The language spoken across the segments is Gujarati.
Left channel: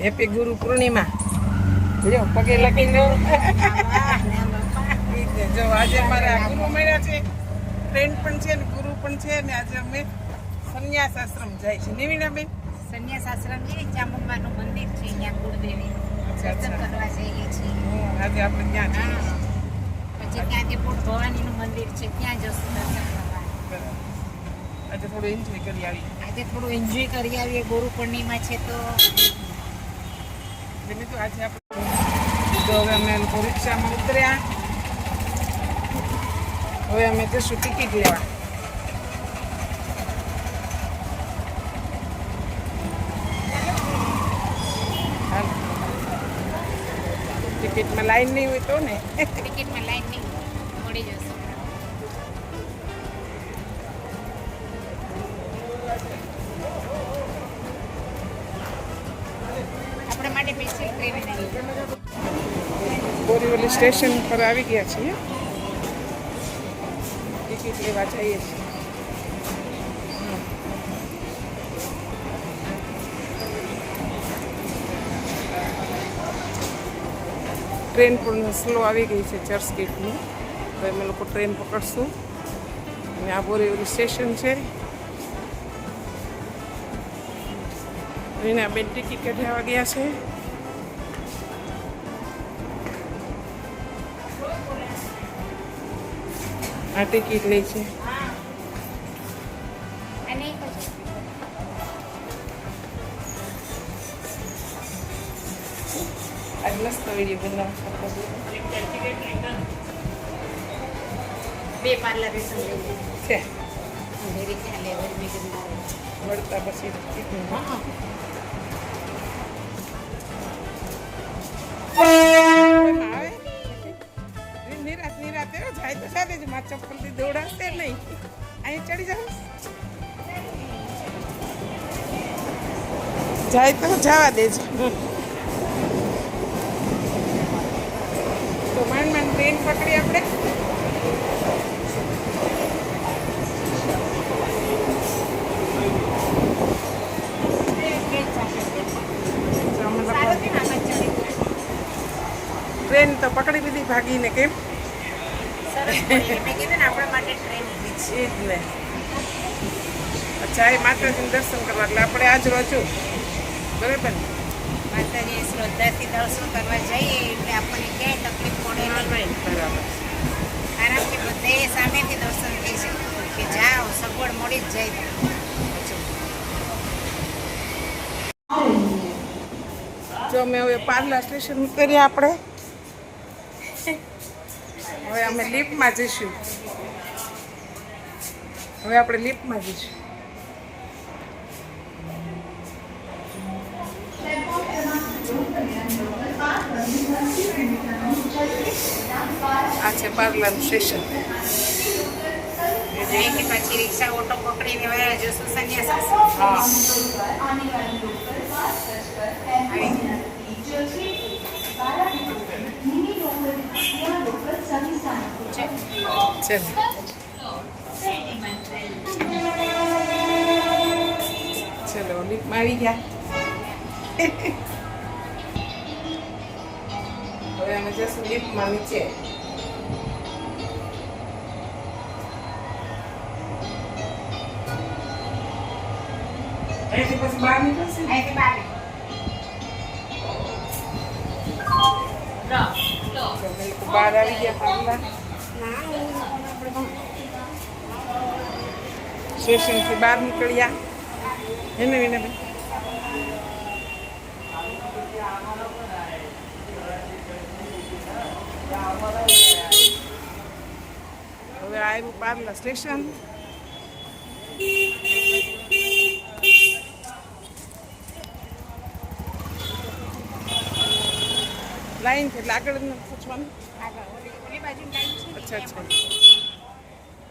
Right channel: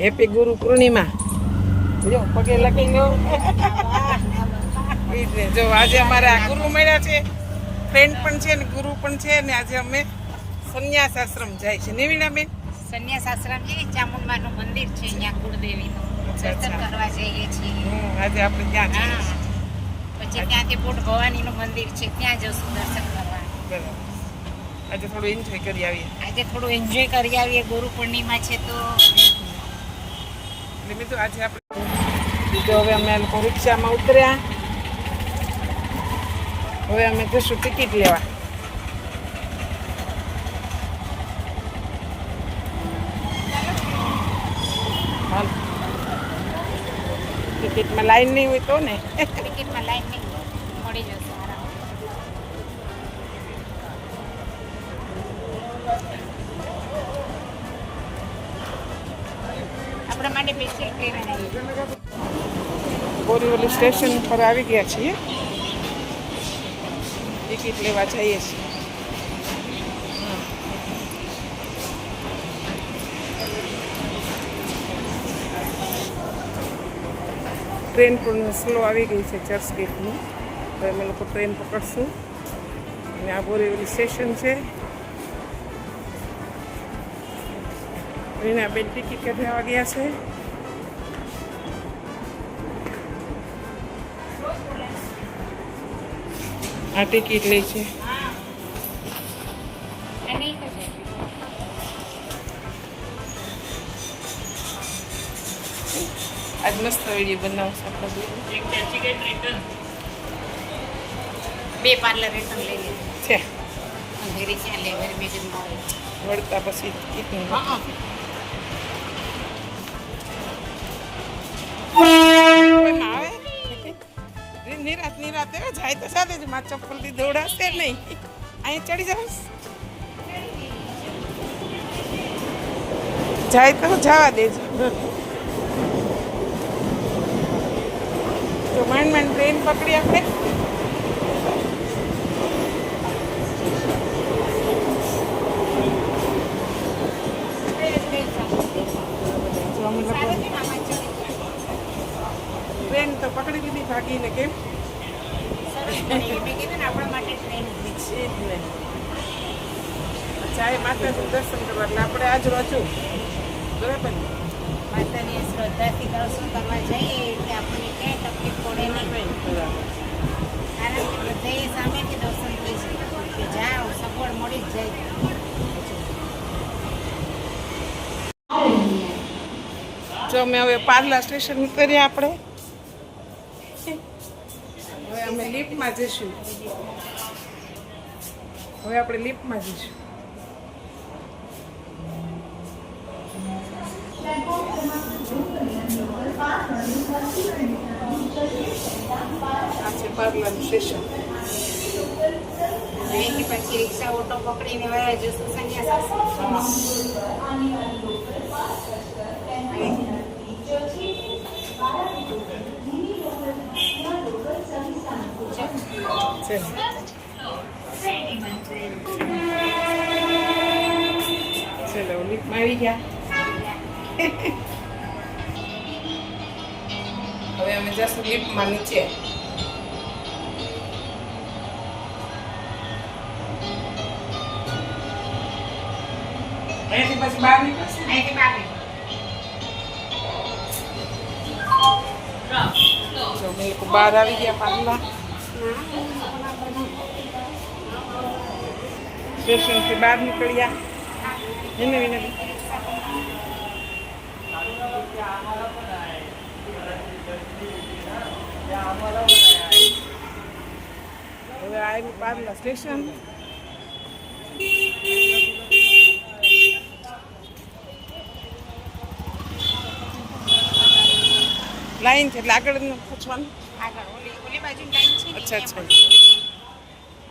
હેપી ગુરુ પૂર્ણિમા. જો પગે લખી લો. જો આજે અમારે આ ગુરુ મળ્યા છે, ફ્રેન્ડ પણ છે ને ગુરુ પણ છે ને આજે અમે સંન્યાસ આશ્રમ જાય છે. નિવિણાબેન સંન્યાસ આશ્રમ છે, ચામુંડમાનું મંદિર છે, ત્યાં કુળદેવીનું દર્શન કરવા જઈએ છીએ. આજે આપણે ત્યાં છે. પછી ત્યાંથી પોટ ભવાનીનું મંદિર છે, ત્યાં જશું દર્શન કરવા. બરાબર. આજે થોડું એન્જોય કરી આવીએ. આજે થોડું એન્જોય કરી આવીએ. ગુરુ પૂર્ણિમા છે તો મિત્રો આજે આપણે તો હવે અમે રિક્ષામાં ઉતર્યા. હવે અમે જશું ટિકિટ લેવા. ટિકિટમાં લાઈન નહીં હોય તો ને. ટિકિટમાં લાઈન નહીં મળી જશે. આપણા માટે સ્પેશિયલ ટ્રેન આવી. બોરીવલી સ્ટેશન પર આવી ગયા છીએ. ટિકિટ લેવા જઈએ છીએ. ટ્રેન પણ સ્લો આવી ગઈ છે ચર્ચ ગેટની. તો અમે લોકો ટ્રેન પકડશું અને આ બોરીવલી સ્ટેશન છે. એના બેન ટિકિટ કઢાવવા ગયા છે. આ ટિકિટ લે છે. આજ મસ્ત વિડીયો બનાવશો. બે પાર્લર રેશન લઈ લીધું છે અંધેરી ક્યાં લેવર બીજું વળતા પછી ટિકિટ આવે નિરાત નિરાતે જાય તો સાથે જ મારા ચપ્પલથી દોડાશે નહીં. અહીં ચડી જઈશ જાય તો જવા દેજો. તો માંડ ટ્રેન પકડી આપણે. ટ્રેન તો પકડી દીધી ભાગીને. કેમ આપણા માટે ટ્રેન છે જ ને. અચ્છા એ માતાજીનું દર્શન કરવા એટલે આપણે આજુબાજુ બરાબર ને માતાની શ્રદ્ધાથી દર્શન કરવા જઈએ એટલે આપણને ક્યાંય તકલીફ પડે નહીં. બરાબર. આરામથી બધે સામેથી દર્શન થઈ શકે કે જાઓ સગવડ મળી જ જાય. જો અમે હવે પાર્લા સ્ટેશન ઉતર્યા. આપણે હવે અમે લિફ્ટમાં જઈશું. હવે આપણે લિફ્ટમાં જઈશું. આ છે પાર્લાનું સ્ટેશન. અહીંથી પછી રિક્ષા ઓટો પકડીને વયા જશું સંન્યાસ આશ્રમ. ચલો લિફ્ટમાં આવી ગયા. હવે અમે જશું લિફ્ટમાં નીચે. અહીંથી પછી બહાર નીકળશે. અહીંથી બહાર અમે લોકો બહાર આવી ગયા પાર્લા સ્ટેશનથી બહાર નીકળ્યા. એને વિનાબેન હવે આવ્યું પાર્લા સ્ટેશન. લાઈન છે એટલે આગળ પૂછવાનું. આગળ ઓલી બાજુની લાઈન છે. અચ્છા અચ્છા.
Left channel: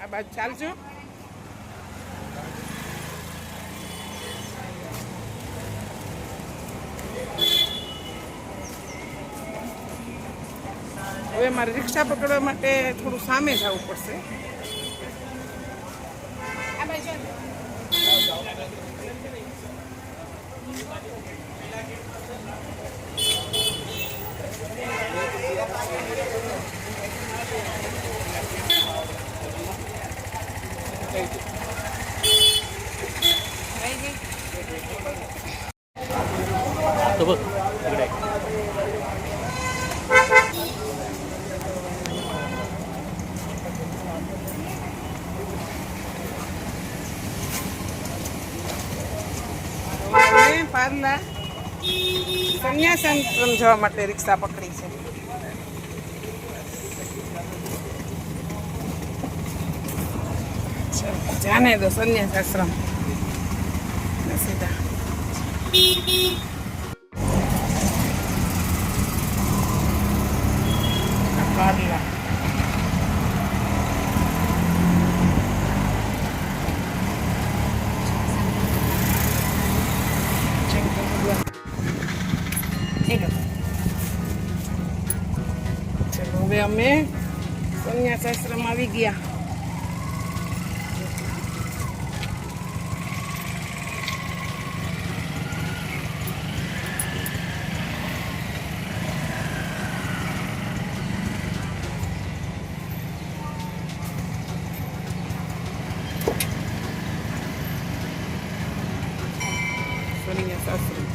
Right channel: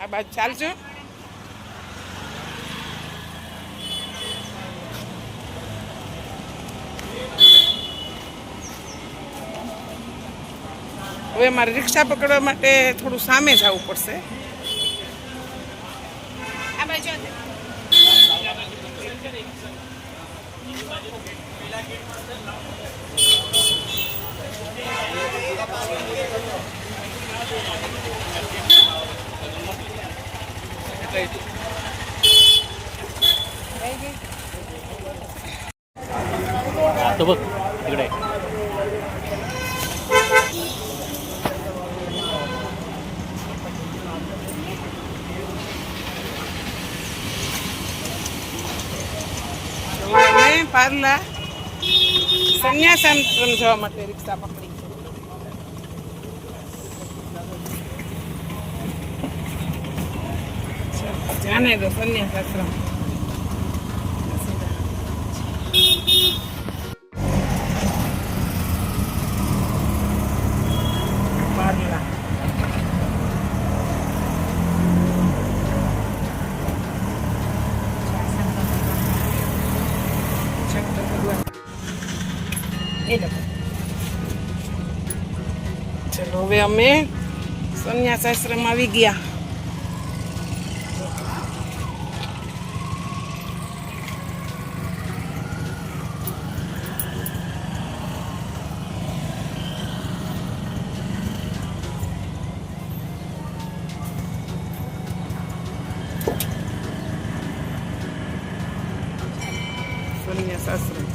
આ બાજુ ચાલજો. હવે મારે રિક્ષા પકડવા માટે થોડું સામે જવું પડશે. આ બાજુ तो बघ तिकडे અમે પાર્લા સંન્યાસાશ્રમ જવા માટે રિક્ષા પકડી છે. જાને દો સંન્યાસાશ્રમ પાર્લા ચલો હવે અમે સંન્યાસાશ્રમ આવી ગયા. સંન્યાસાશ્રમ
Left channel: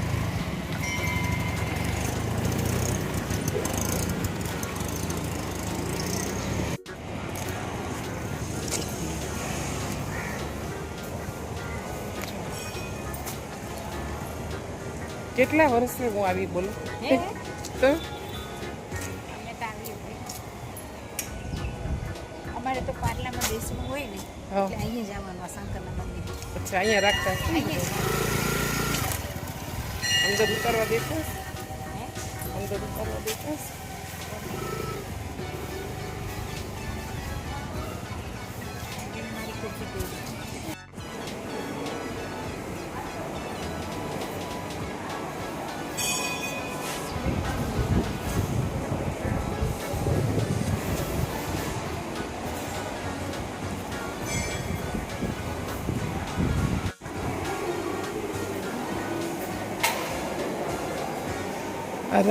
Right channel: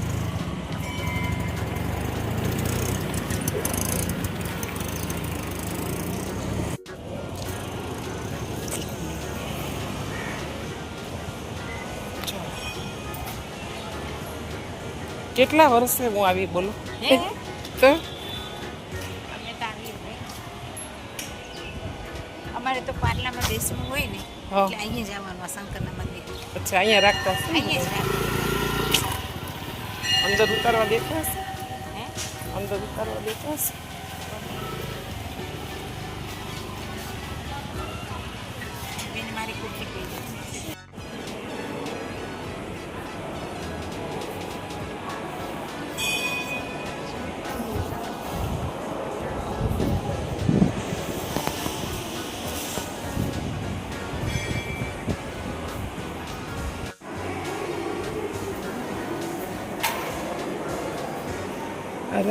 કેટલા વર્ષે હું આવી બોલું હે તો અમે તો આવીએ ભાઈ. અમારે તો પાર્લામાં બેસવું હોય ને હા. એટલે અહીંયા જવાનું આ શંકરના મંદિર અચ્છા અહીંયા રાખતા હશે ને? અહીંયા જ અંદર ઉતારવા દેતા હશે? હે અંદર ઉતારવા દેતા હશે? બેન મારી કુર્તી પહેરી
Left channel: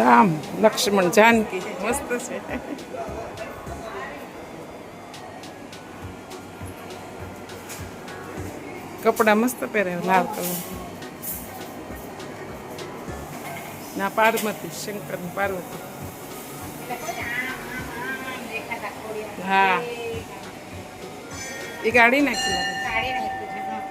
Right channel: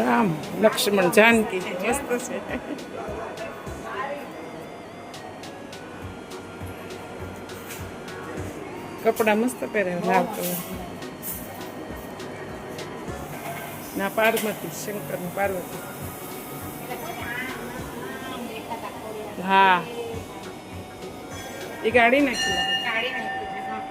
રામ લક્ષ્મણ જાનકી મસ્ત છે. કપડા મસ્ત પહેરે લાલ કલર ના પાર્વતી શંકર ની પાર્વતી. હા એ ગાડી નાખી લાગે. કાઢી નાખ્યું છે હા.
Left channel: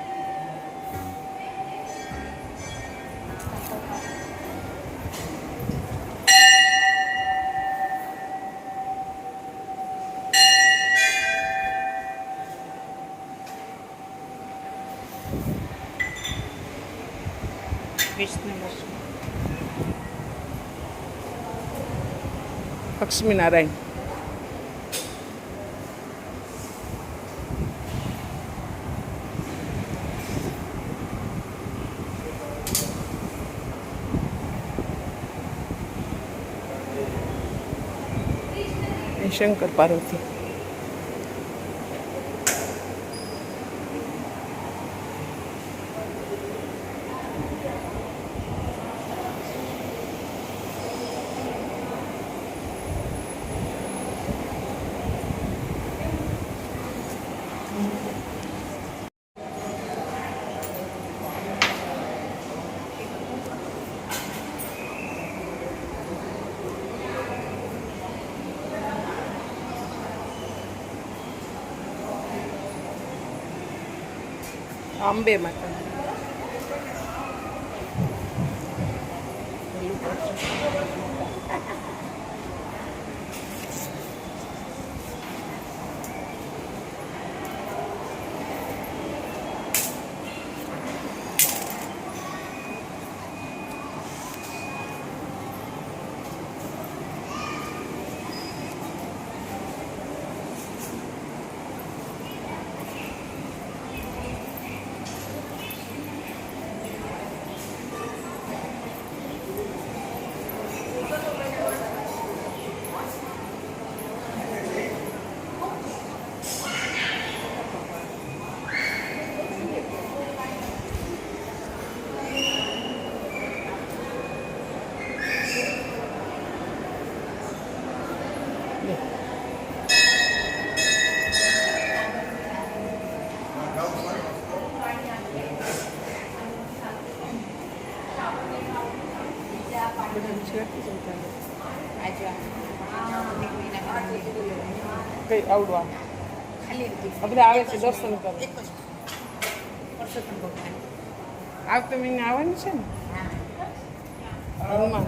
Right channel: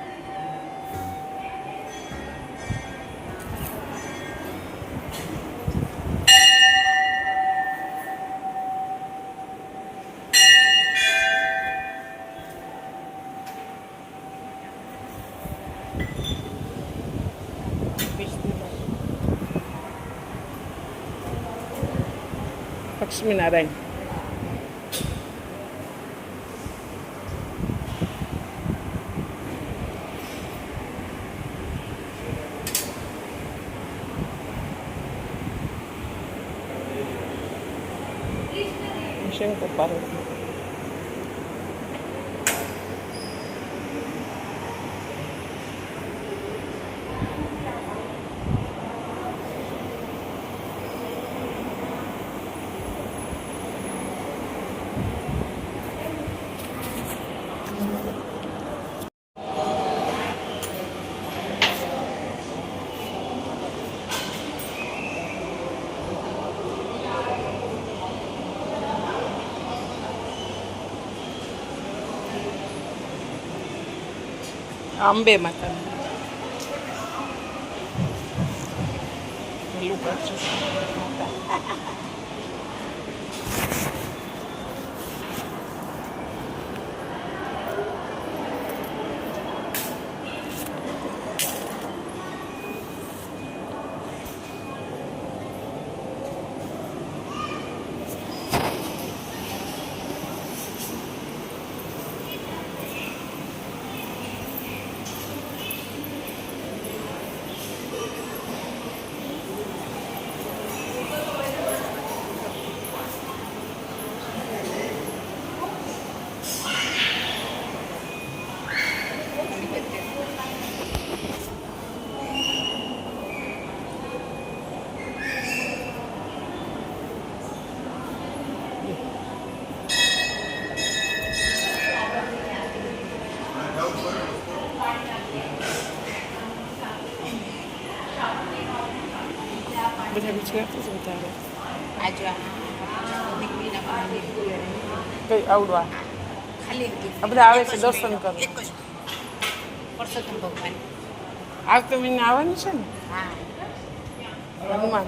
લક્ષ્મીનારાયણ શંકર પાર્વતી. અંબે માતા બધા ગુજરાતી જ વધારે. આજુ આ દીકરીના મંદિર કઈ આવડવા ખાલી આ બધા આવે છે દર્શન કરવા. એક જ પરસોત્તમ ભગવાન. આવતો મહિને આવવાનું છે ને હા હનુમાન.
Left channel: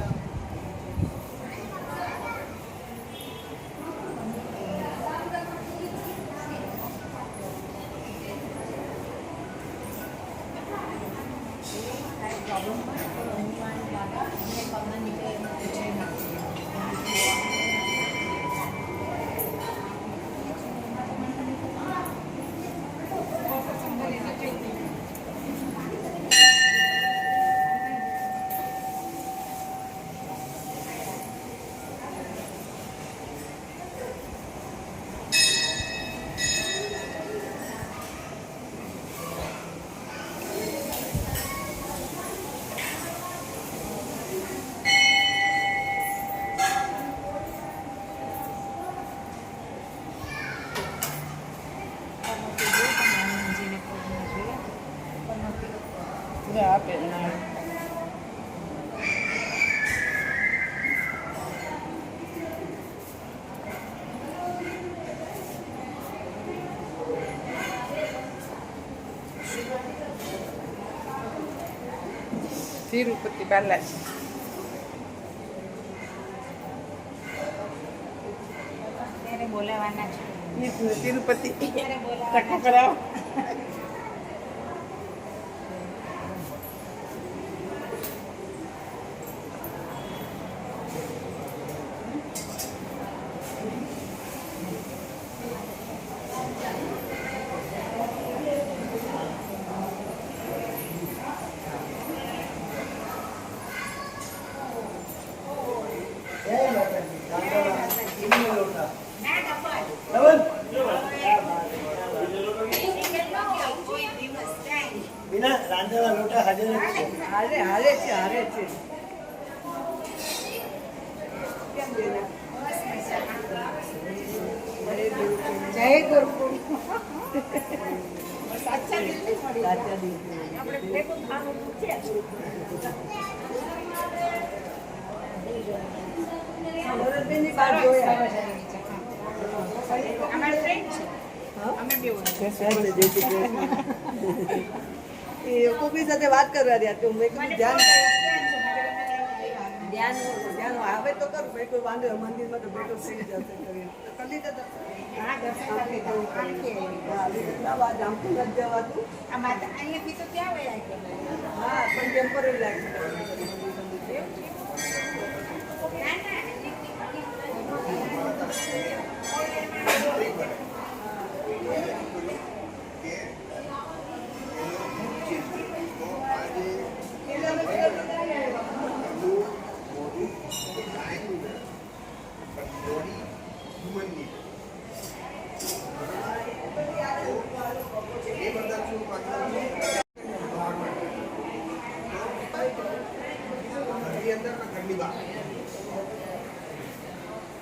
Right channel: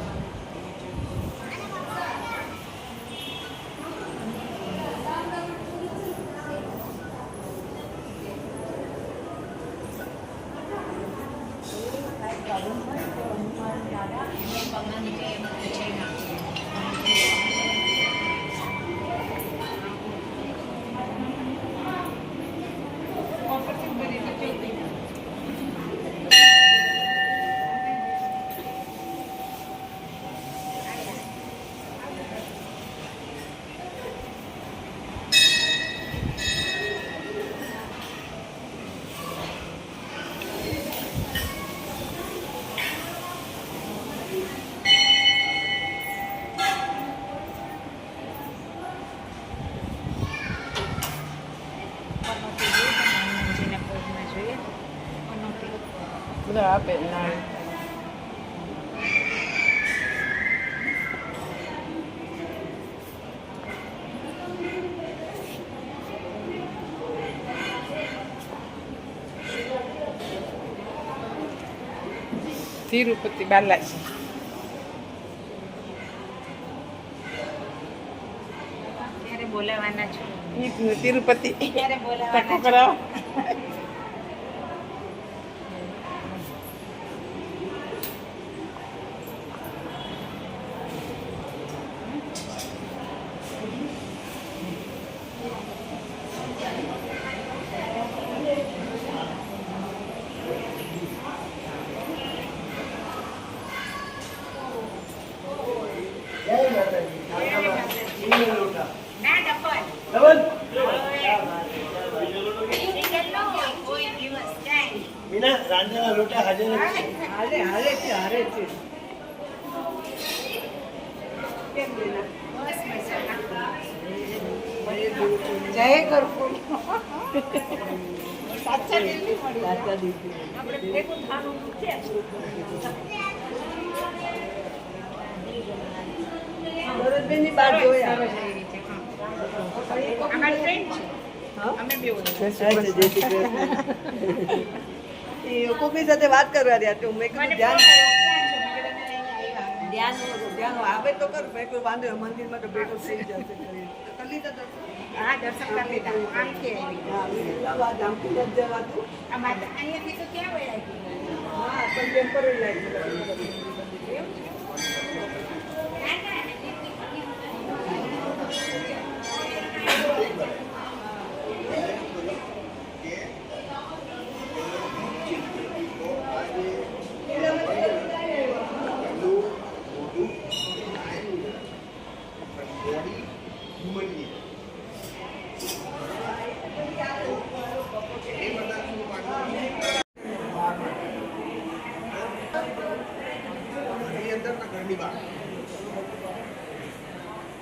બધા આપે ના તિરુપતિ બાલાજી. ત્યારે બોલાવાના છે. તિરુપતિ ત્યારે ટકો બોલાવાના છે. કરાવો. ના ડબલ. કોઈ દિવસ જાય. बिना रांधेला लोटा हाजर જ છે. જય ગુરુકુળ. સાચા દિલથી મળી. આપણે ભેગું થવાનું છે. ભરતબેનની બાર જોયા. અમારા ફ્રેન્ડ છે. અમે બે એ કોકની સાથે વાત કરવા રહ્યા તો મેં કીધું ધ્યાન આવે તો કર મેં કોઈ વાંધો નહીં, મંદિરમાં તો બેઠો થઈ જશે કરીને કરી લીધા હતા. હા દર્શન કરી લીધા. આમથી આવી. જામથી નથી જવાતું. અમારે અહીંયાથી તો ક્યાં વેળાય ગયું? હા પણ ટેમ્પરરી લાગી.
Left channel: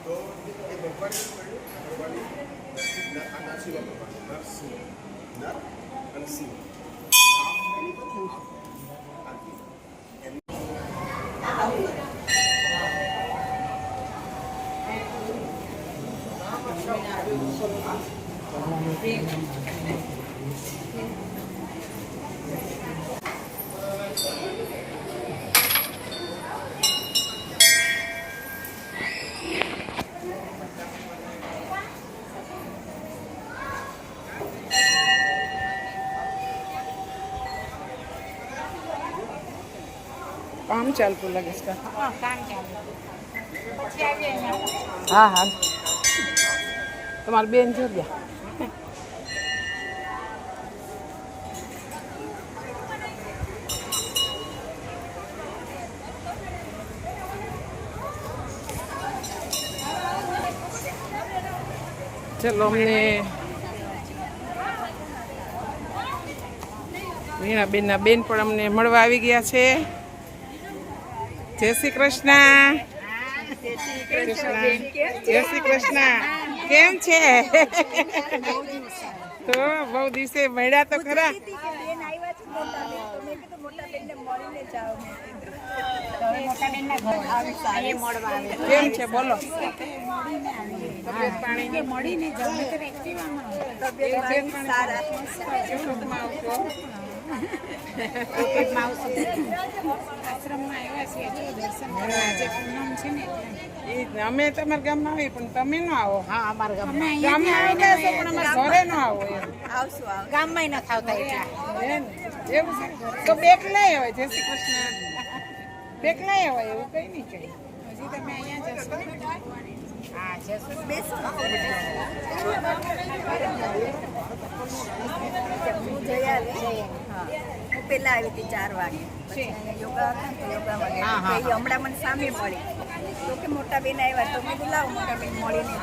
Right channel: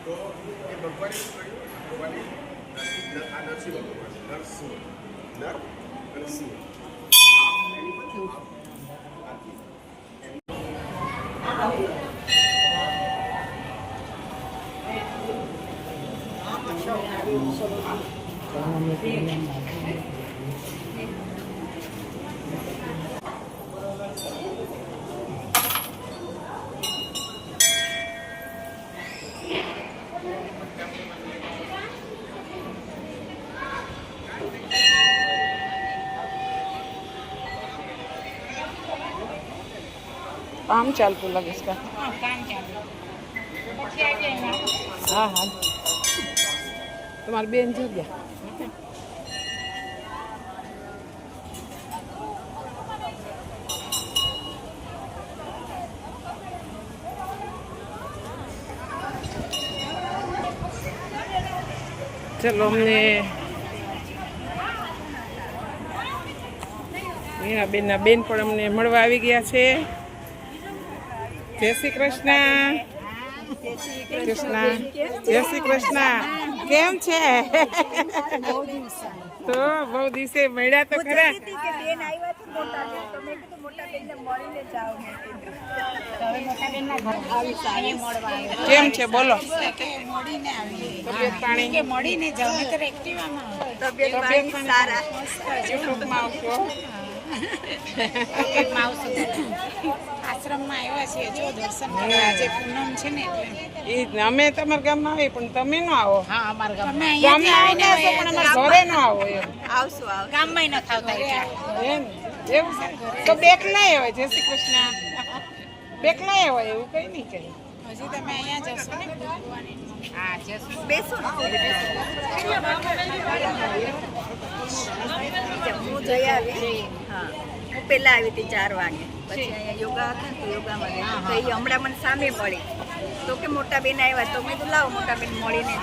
તો એ ભગવાને શું કર્યું? ભગવાને નરસિંહ ભગવાન નરસિંહ નર અને સિંહ એની પછી કામ ચાલતું લાગે છે. કામ ચાલુ. પછી આવીએ અહીંયા. હા હા તમારી બેન જગ્યા. ચલો અમને મીનાબેનના બેન પણ અમને મળવા આવી ગયા છે. જય શ્રી કૃષ્ણ. જય શ્રી કૃષ્ણ. કેમ છે? તો બહુ દિવસે મળ્યા તો ખરા. બેન આવ્યા છે મોટા બેન, તો મેં કીધું મોટા બેનને મળીને જાઓ. હવે મોટા બેન ના ઘર અહીંયા મળવા આવ્યા. કેમ છે બોલો? કે મળીને આવી તબિયત પાણી કે મળીને જાવ નહીતર એક્ટિવામાં આવો. તબિયત પાણી સારા. યુટ્યુબમાં આવશો? પોકેટમાં આવશું. આશ્રમમાં આવ્યા છીએ જો દર્શન કરવા. આજે પૂનમ છે ને એટલે ઈ જ ને, અમે તમારા ગામમાં આવી પણ તમે ન આવો. હા અમારા ગામમાં ગામમાં અહીંયાથી આવીને આવીને પણ અમારા ઘરે ન આવો એમ. આવશું આવ. ગામમાં ન થાવતા એટલે હે ને? એવું છે? તો બેક ના અવાય. જય શ્રી કૃષ્ણ. બેક ના અવાય એવું કઈ નહીં કઈ. હજી તમે અહીંયા જશો ને ભગવાનની. હા જશો. બેસો ને. હું જઈ આવી. હા હું પહેલા આવી હતી 4 વાગે. પછી અહીંયા યોગા હતા ને યોગામાં ગઈ. તો એ હમણાં મને સામે મળી તો કે મોટા બેન આવ્યા તો મેં કીધું લાવો મોટા બેન મળીને